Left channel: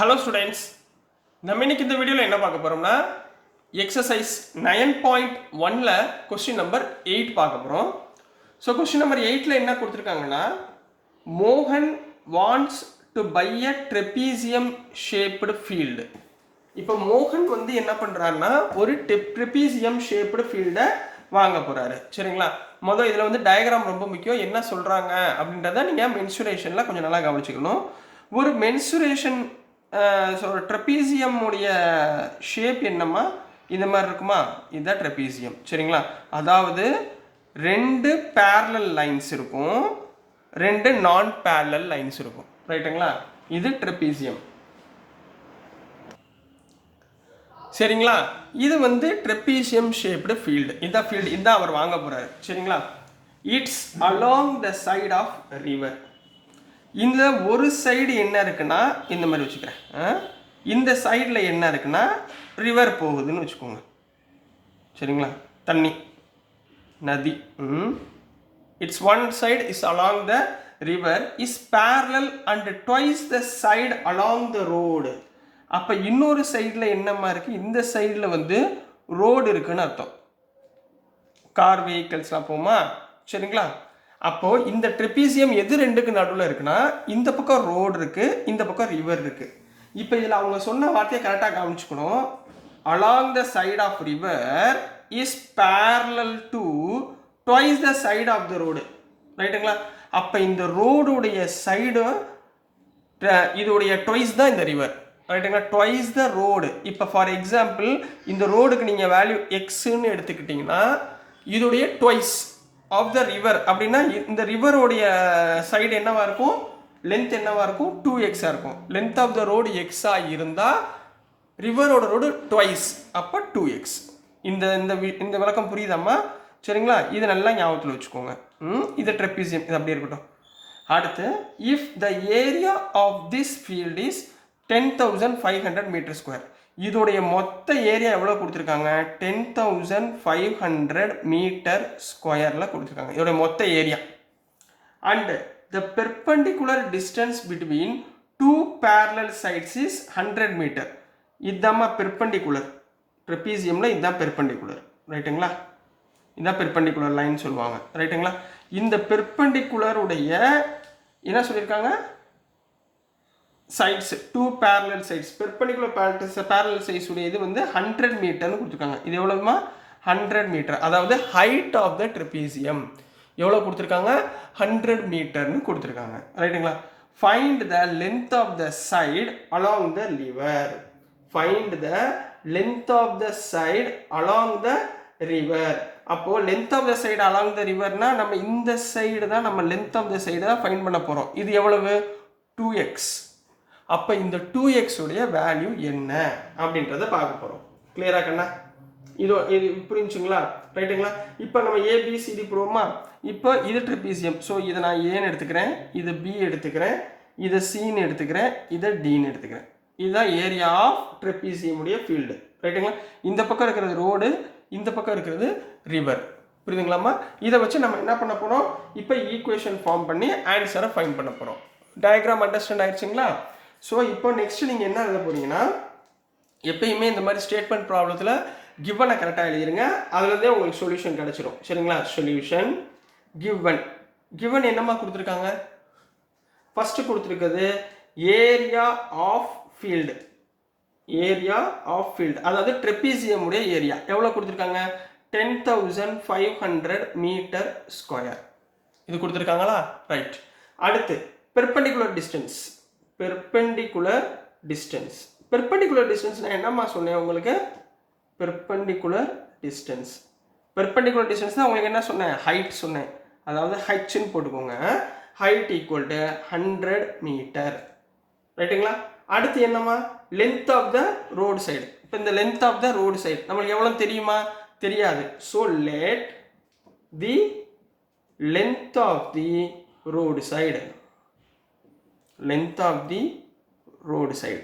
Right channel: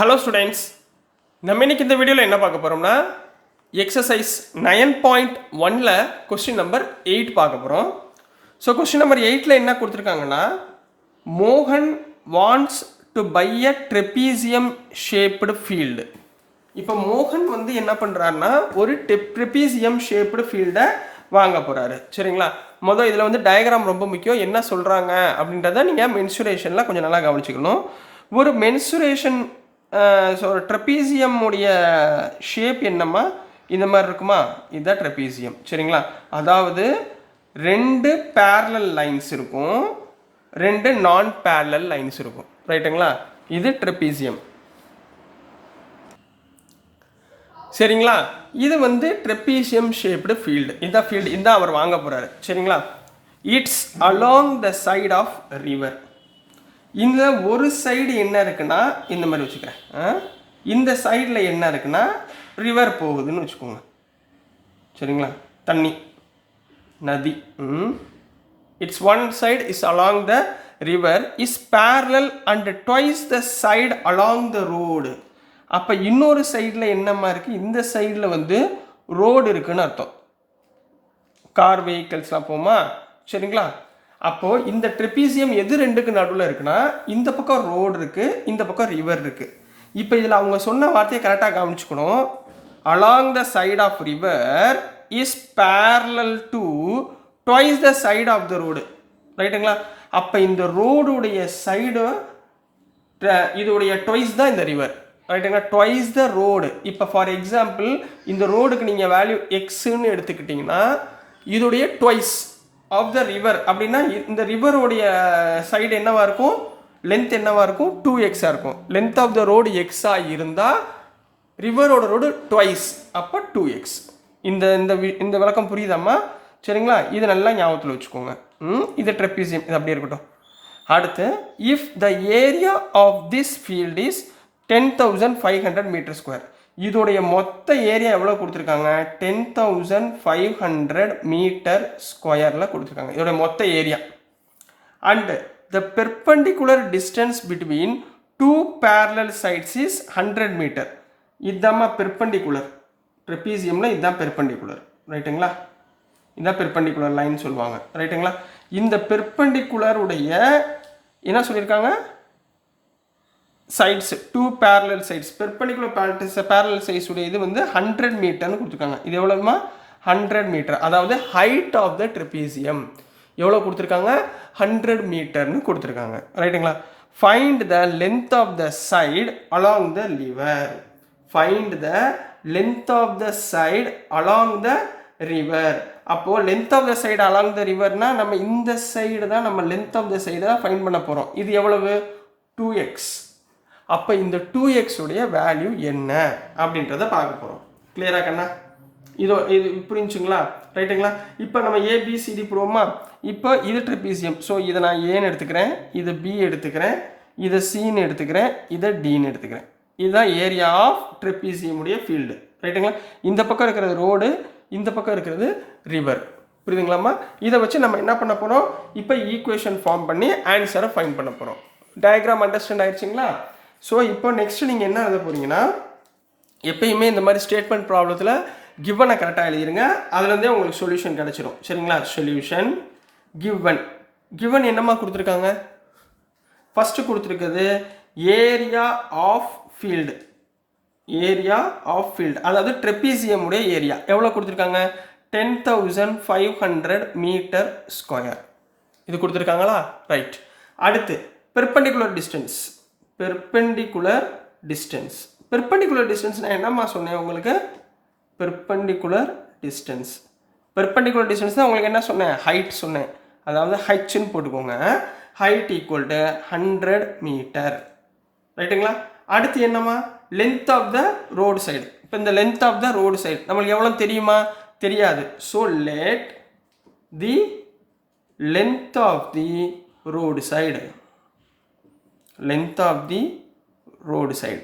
Hello students, நம்ம இன்னைக்கு இந்த வீடியோவில் என்ன பார்க்க போகிறோம்னா எக்ஸசைஸ் 9.1ல் கொஸ்டின் நம்பர் 8 பார்க்க போகிறோம். ஸோ கொஸ்டின் நம்பர் 8ல் என்ன கொடுத்துருக்காங்கன்னா, மோகன் wants to buy a trapezium shaped field. இப்போ மோகன் வந்து என்ன பண்ணுறாருன்னா ஒரு ட்ரெபீசியம் ஷேப்டு ஃபீல்டை வாங்க போகிறாரு. சரிங்களா? மொதல் இதில் வந்து டயக்ராம் ரொம்ப முக்கியம். என்ன சொல்கிறாங்க அப்படின்றத நீங்கள் மென்சுரேஷனில் கொஞ்சம் நல்லா கவனிச்சுக்கணும். ஒரு மென்சுரேஷன் ஸோ ட்ரெபீசியம் உடைய ஷேப் என்னம்மா இந்த மாதிரி இருக்குமா, இதுதான் ட்ரெபீசியம். சரிங்களா? அதாவது ரெண்டு பேரலல் லைன்ஸ் இருக்கும், ரெண்டு நான் பேரலல் லைன்ஸ் இருக்கும். ரைட்டுங்களா? இது ட்ரெபீசியம். சரிங்களா? இது வந்து ட்ரெபீசியம் ஷேப்டு ஃபீல்டு. இதான் ஃபீல்டு, இதான் அவர் வாங்க போகிறாரு. சரிங்களா? It's along the side of river. இந்த ஒரு சைடு என்ன இருக்குன்னா இந்த மாதிரி வச்சுக்கிறேன், இந்த சைடில் என்ன இருக்குன்னா ரிவர் போகுதுன்னு வச்சுக்கோங்க. சரிங்களா? தண்ணி, நதி. It's one side is along the river is parallel and twice the side along the road. அப்போ இன்னொரு சைடில் என்னமா இருக்குது, இந்த சைடில் வந்து ரோடு இருக்குன்னு அர்த்தம். கார் வெஹிக்கிள்ஸ்லாம் போமா. சரிங்களா? அப்போது இந்த ட்ரெபீசியம் எது ரெண்டுக்கு நடுவில் இருக்குன்னா, இந்த பக்கம் ரோடு இருக்குது, இந்த பக்கம் ரிவர் இருக்குது. இப்போ இதில் அவங்க சொன்ன வார்த்தையை கரெக்டாக கவனிச்சுக்கணும். Along the side of river is parallel to twice the side of the road. ரைட்டுங்களா? அப்போ இந்த ரோடுடைய சைடு இதோடைய ட்வைஸ் தான் இந்த ரிவர். ரைட்டுங்களா? Twice the road. இப்போ ஃபார் எக்ஸாம்பிள் இந்த ரோடுக்கு நீங்கள் வேல்யூ எக்ஸுன்னு எடுத்துக்கிட்டிங்கன்னா இதோடைய ட்வைஸ் ஆஃப் த ரிவர் அப்படின்னா இந்த ரிவரோடைய சைடு என்னவா இருக்கும், லென்த் என்னவா இருக்கும், 2x இருக்கும். லென்த் ஆஃப் த ரோடு எக்ஸாக இருந்தால் ரிவரோட ரோடு ட்வைஸ், அப்போ 2x. இந்த இந்த இந்த விளக்கம் புரியுதாம்மா? சரிங்களா? இது நல்லா ஞாபகத்தில் வச்சுக்கோங்க. இது ட்ரெபீசியம், இது அப்படியே இருக்கட்டும். அடுத்து, if the area of this field is 10,500 metre square. இதோடைய மொத்த ஏரியா எவ்வளோ கொடுத்துருக்காங்க, 10,500 மீட்டர் ஸ்கொயரில் கொடுத்துருக்காங்க இதோடைய மொத்த area. And the perpendicular distance between two parallel sides is 100 metre. இதுதாம்மா பெர்பெண்டிகுலர். ட்ரெபீசியமில் இதுதான் பெர்பெண்டிகுலர். ரைட்டுங்களா? இதுதான் பெர்பெண்டிகுலர் லைன் சொல்லுவாங்க. ரைட்டுங்களா? இந்த பெர்பெண்டிகுலருடைய என்ன சொல்லியிருக்காங்க, sides, two parallel sides, perpendicular parallel sides உடைய இது வந்து 100 மீட்டர்னு கொடுத்துருக்காங்க. இது எவ்வளோமா, 100 மீட்டர். அதாவது ஹைட் ஆஃப் த ட்ரெபீசியம் எவ்வளோ கொடுத்துருக்காங்க, 100 மீட்டர்னு கொடுத்துருக்காங்க. ரைட்டுங்களா? Find the length of the side along the river. Find the length of the side along the river. அப்போது length of the side along the ரிவர்னா நம்ம இந்த சைடு தான், நம்ம லென்த் ஆஃப் த சைடு தான் ஃபைண்ட் பண்ண போகிறோம். இது எவ்வளவு, 2x. அப்போ இந்த 2x உடைய வேல்யூ என்ன அப்படின்றத பார்க்க போகிறோம். கிளியரா கண்ணா? இது புரிஞ்சுங்களா? ரைட்டுங்களா? இப்போ நம்ம ஏபிசிடி போடுவோமா? இப்போ இது ட்ரெபீசியம். ஸோ இதை நான் ஏன்னு எடுத்துக்கிறேன், இது பி எடுத்துக்கிறேன், இதை சின்னு எடுத்துக்கிறேன், இதை டின்னு எடுத்துக்கிறேன். இதுதான் ஏரியா ஆஃப் ட்ரெபீசியம் உடைய ஃபீல்டு. ரைட்டுங்களா? இந்த பக்கம் இருக்கிறது ரோடு, இந்த பக்கம் இருக்கிறது ரிவர். புரியுதுங்களாம்மா? இதை வச்சு நம்ம என்ன பண்ண போகிறோம், இப்போ ஈக்குவேஷன் ஃபார்ம் பண்ணி ஆன்சரை ஃபைண்ட் பண்ண போகிறோம். டயக்ராம் அண்டர்ஸ்டாண்ட் ஆயிடுச்சுங்களா? ஸோ இப்போ நெக்ஸ்ட் நீங்கள் என்ன எழுத போகிறீங்கன்னா, எப்பயுமே இந்த மாதிரி ஸ்டேட்மெண்ட் ப்ராப்ளத்தில் கிவனை கரெக்டாக எழுதிருங்க. அதுலேருந்தே உங்களுக்கு சொல்யூஷன் கிடச்சிடும். சரிங்களா? சொல்யூஷன் கிவன் என்னம்மா கொடுத்துருக்காங்க, ஃபஸ்ட்டு கொடுத்துருக்குது area of field. Area of field அதாவது ட்ரெபீசியம் உடைய ஏரியா எவ்வளோ கொடுத்துருக்காங்க, 10,500 மீட்டர் ஸ்கொயர். இது கொடுத்துருக்காங்களா? ரைட். அடுத்து பெர்பெண்டிகுலர் டிஸ்டன்ஸ். பெர்பெண்டிகுலர் டிஸ்டன்ஸ் நான் என்னம்மா சொன்னேன் உங்களுக்கு, பெர்பெண்டிகுலர் டிஸ்டன்ஸ் தான் உங்களுக்கு என்ன சொன்னேன், ஹைட் சொன்னேன். அதாவது ஹைட்னு போட்டுக்கோங்க. Height equal to 100 metre. ரைட்டுங்களா? அடுத்து என்னம்மா, length of the road side. இப்போ இந்த length of the road side நம்மளுக்கு எவ்வளோ தெரியுமா, தெரியாது. So let the length of the road side, length of the road side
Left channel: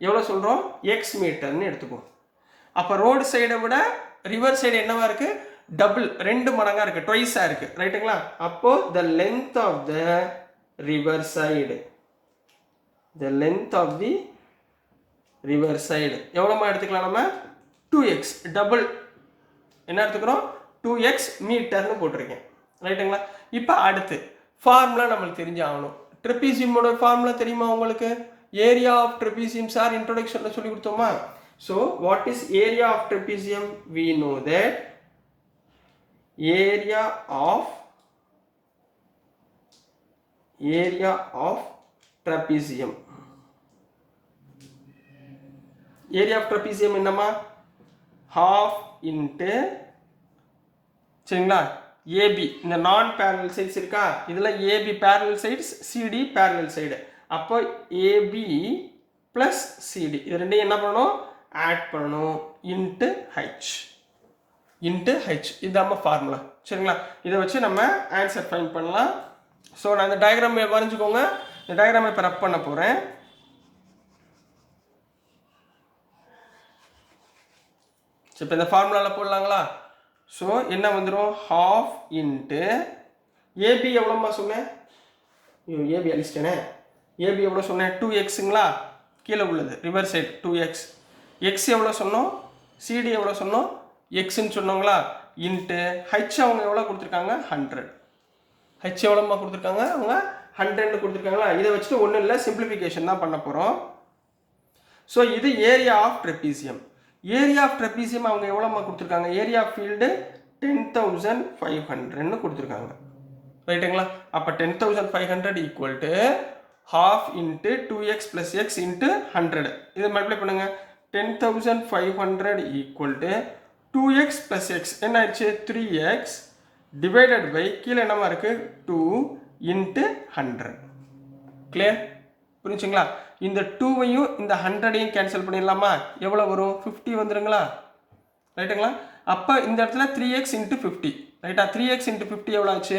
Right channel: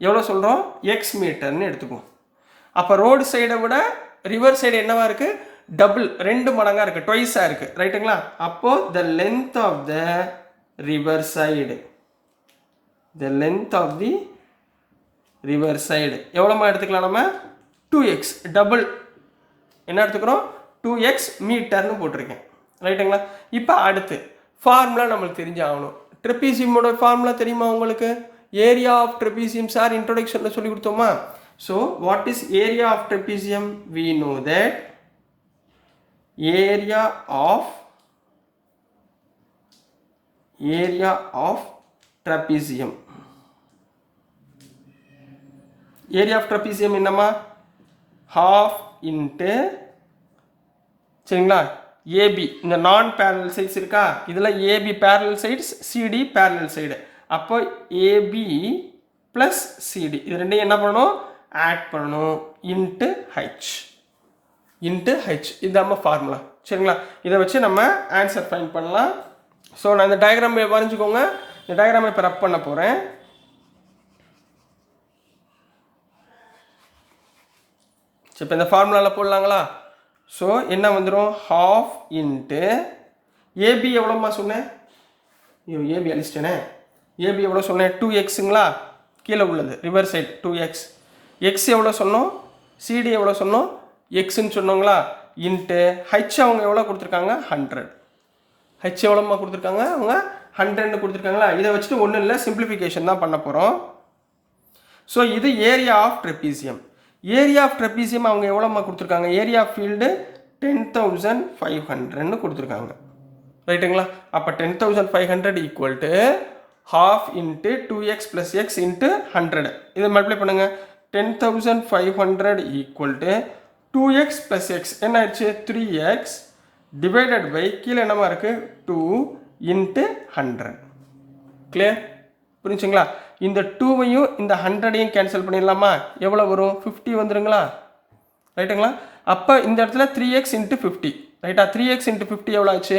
எவ்வளோ சொல்கிறோம், எக்ஸ் மீட்டர்னு எடுத்துக்குவோம். அப்போ ரோடு சைடை விட ரிவர் சைடு என்னவா இருக்குது, டபுள், 2 மடங்காக இருக்குது, ட்வைஸாக இருக்குது. ரைட்டுங்களா? அப்போது the length of the river side the length of the river side எவ்வளோமா எடுத்துக்கலாம் நம்ம 2x டபுள் என்ன எடுத்துக்கிறோம் 2x மீட்டர்னு போட்டிருக்கேன் ரைட்டுங்களா. இப்போ அடுத்து ஃபார்முலா நம்மளுக்கு தெரிஞ்சாகணும். ட்ரெபீசியமோட ஃபார்முலா தெரியுமா உங்களுக்கு? ஏரியா ஆஃப் ட்ரெபீசியம் சார் இன்ட்ரோடக்ஷனில் சொல்லி கொடுத்தோமா? So what is area of trapezium? We know that area of trapezium area of trapezium என்னமா? half into சரிங்களா ஏபி இந்த நான் பேரலல் சைட்ஸ் இருக்கா இதில் AB parallel sides CD parallel side அப்போ ஏபி ப்ளஸ் சிடி இது ரெண்டையும் என்ன பண்ணணும் ஆட் பண்ணணும் இன்ட்டு ஹெச் இது நம்ம ஃபார்முலா சரிங்களா. இதை வச்சு நம்ம ஆன்சர் ஃபைண்ட் பண்ணலாம். ஸோ நான் இந்த டயக்ராம் வரைஞ்சிக்கோங்க. இந்த டயக்ராமை இப்போ ரப் பண்ண போகிறேன். சரி இப்போ இந்த ஃபார்முலாவில் போடலாங்களா? ஸோ என்ன வந்துடும் ஹாஃப் இன்ட்டு ஏபி எவ்வளோம்மா சொன்னேன்? ஏபி அழிச்சிட்டேனே. ஏபி எவ்வளோ சொன்னேன்? 2xங்களா கீழே உள்ளது ரிவர் சைட் 2x. எக்ஸ் எவ்வளோ சொன்னோம்? சிடி எவ்வளோ சொன்னோம்? எக்ஸ்ன்னு சொன்னோங்களா இன்ட்டு ஹெச் அவங்க எவ்வளோ கொடுத்துருக்காங்க 100. ஹெச் எவ்வளோம்மா கொடுத்துருக்காங்க? அவங்க 100 கொடுத்துருக்காங்களா. இதை வச்சுட்டு ஒன்றும் இல்லை சிம்பிளிஃபிகேஷன் தான் பண்ண போகிறோம். ஸோ இது area of trapezium. Area of trapezium அவங்க எவ்வளோம்மா கொடுத்துருக்காங்க? ஏரியா ஆஃப் ஃபீல்டு 10,500ன்னு கொடுத்துருக்காங்க ரைட்டுங்களா. அப்போ 10,500 equal to half into 2x plus X into 100 இதை மல்டிப்ளை பண்ணுங்கள். 10,500 equal to 2x plus X என்ன ஆயிடுச்சு 3x டிவைடட் பை கீழே என்னமா இருக்குது 2 இன்ட்டு 100. கிளியர் புரிஞ்சுங்களா? இந்த 2வையும் இந்த 100ஐயும் கேன்சல் பண்ணிடலாமா? எவ்வளோ வரும்? 50 வந்துடுங்களா ரைட்டுங்களா. அப்போ இந்த இடத்துல 3x இன்ட்டு 50 ரைட்டா. 3x இன்ட்டு 50 எவ்வளோ ஆச்சு?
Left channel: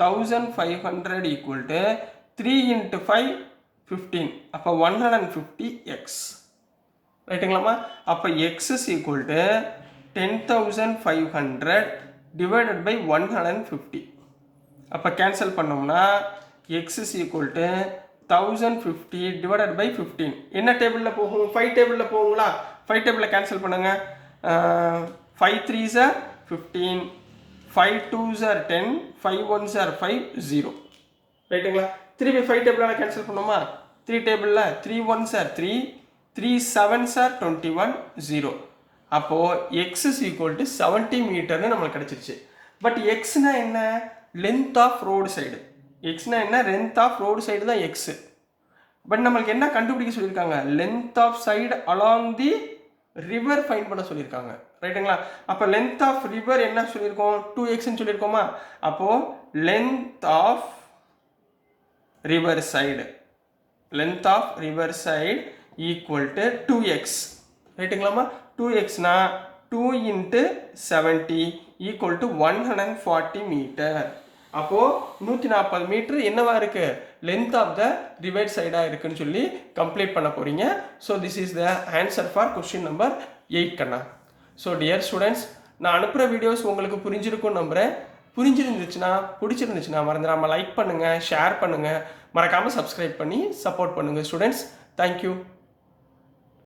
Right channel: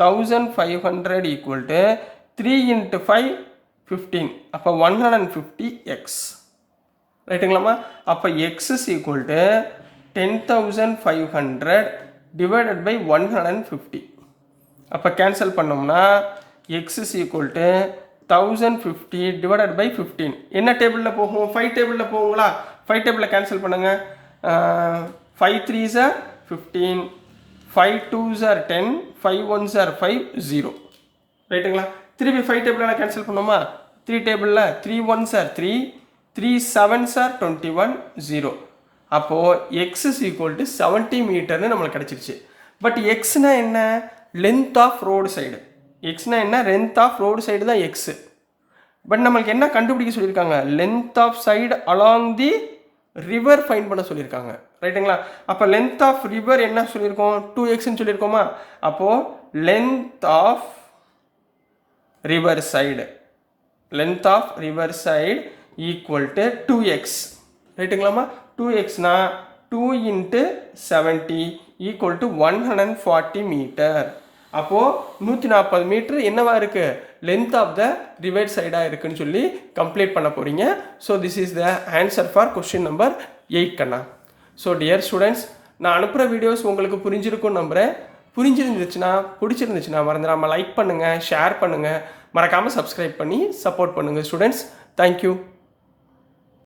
1500 ஈக்குவல் டு 3 இன்ட்டு 5 15 அப்போ 150x ரைட்டுங்களாம்மா. அப்போ X is equal to 10,500 divided by 150. அப்போ கேன்சல் பண்ணோம்னா X is equal to 1050 divided by 15 என்ன டேபிளில் போகும்? 5 டேபிளில் போகுங்களா? 5 டேபிளில் கேன்சல் பண்ணுங்கள். 5 3s are 15, 5 2s are 10, 5 1s are 5 0 ரைட்டுங்களா. திருப்பி 5 டேபிளில் கேன்சல் பண்ணோமா? 3 டேபிளில் 3 1s are 3, 3 7s are 21 0. அப்போது எக்ஸ் இஸ் ஈக்குவல் டு 70 மீட்டர்னு நம்மளுக்கு கிடச்சிருச்சு. பட் எக்ஸ்னா என்ன? Length of road side. எக்ஸ்னா என்ன? லென்த் ஆஃப் ரோடு சைடு தான் எக்ஸு. பட் நம்மளுக்கு என்ன கண்டுபிடிக்க சொல்லியிருக்காங்க? Length of side along the river find பண்ண சொல்லியிருக்காங்க ரைட்டுங்களா. அப்போ லென்த் ஆஃப் ரிவர் என்ன சொல்லியிருக்கோம்? 2xன்னு சொல்லியிருக்கோமா. அப்போது length of river side equal to 2x ரைட்டுங்களாமா. 2xனா 2 இன்ட்டு 70 ஈக்குவல் டு 140 மீட்டர். அப்போது 140 மீட்டர் என்னவா இருக்குது? லென்த் ஆஃப் த ரிவர் சைடாக இருக்குன்னு சொல்லி கம்ப்ளீட் பண்ண போகிறீங்க. So this is the answer for question number 8 கண்ணா. ஸோ டியர் ஸ்டூடெண்ட்ஸ் நான் அனுப்புகிற வீடியோஸ் உங்களுக்கு புரிஞ்சிருக்கும்னு நம்புகிறேன். பிடிச்சிருந்துச்சுன்னா மறந்துடாமல் லைக் பண்ணுங்கள், ஷேர் பண்ணுங்கள், மறக்காமல் சப்ஸ்கிரைப் பண்ணி சப்போர்ட் பண்ணுங்கள் ஸ்டூடெண்ட்ஸ். தேங்க்யூ.